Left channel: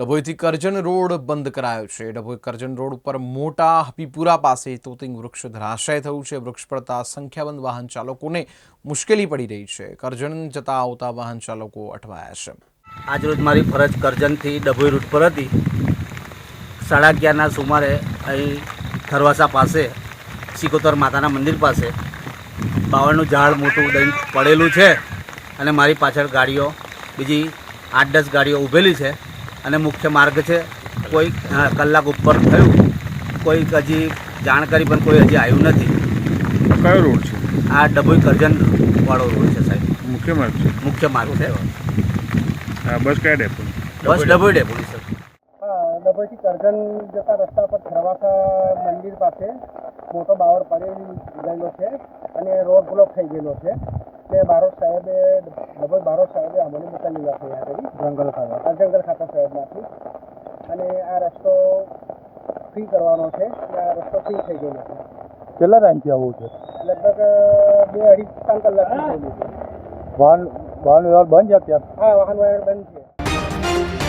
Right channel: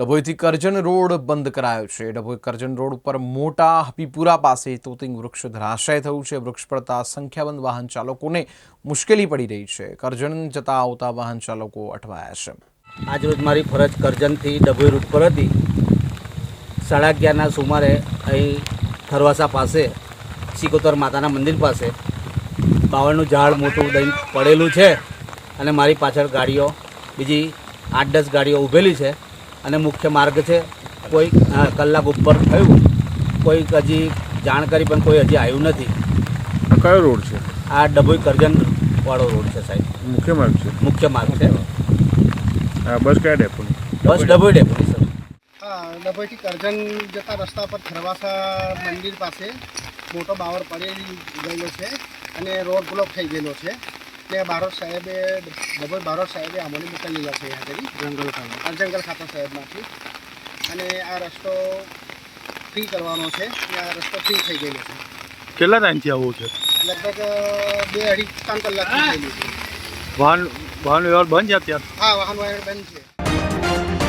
ડભોઈથી Karjan road બંધ કરાયો છે. ડભોઈ કરજણ રોડ ઉપર મોટા હપીપુરા પાસે તોતિંગ વૃક્ષ ધરાશય થયું છે. વૃક્ષ પડતા સંખ્યાબંધ વાહન ચાલકોને મુશ્કેલી પડી રહી છે. કરજણ જતા આવતા વાહન ચાલકો અટવાયા છે. આજરોજ મારી ફરજ કરજણથી ડભોઈ રૂટ પર હતી. સાડા અગિયારના સુમારે અહીં થરવાસા પાસે, સિકોતર માતાના મંદિર પાસે બાવળનું ઝાડ મોટું દહીં પડેલું છે અને મારી પાછળ ગાડીઓ, બીજી આઠ દસ ગાડીઓ ઊભેલી છે. અને મુખ્ય માર્ગ છે. કોઈ કલાક ઉપર થયું. કોઈ હજી જાણકારી પણ કોઈ હજી આવ્યું નથી. કયો રોડ છે? આ ડભોઈ કરજન વાળો રોડ છે સાહેબ. મુખ્ય માર્ગ છે? મુખ્ય માર્ગ છે. બસ કયા ડેપો? બસ ડભોઈ ડેપો ડભોઈથી કરજણ જતા રસ્તા પર ખરવાસા મંદિર પાસે મોટો બાવર પડી ગયેલો છે અને રોડ બ્લોક થઈ ગયેલો છે. તે બારોટ સાહેબે ડબલ બારોટ સાહેબે અમને મોકલેલા છે અહીંયા કરી જંગલ ખાતા જંગલ ખાતા સાહેબમાંથી. અને આ રસ્તો ફ્રી કરવાનો છે અને આ રસ્તો ફ્રી થઈ ગયેલો છે. કેટલા ટાઈમથી આવવું છે? લગભગ બે અઢી ત્રણ કલાકથી ગયું છે. વાહન વાહન વ્યવહાર બંધ છે અત્યારે? હા વાહન વ્યવહાર બંધ છે.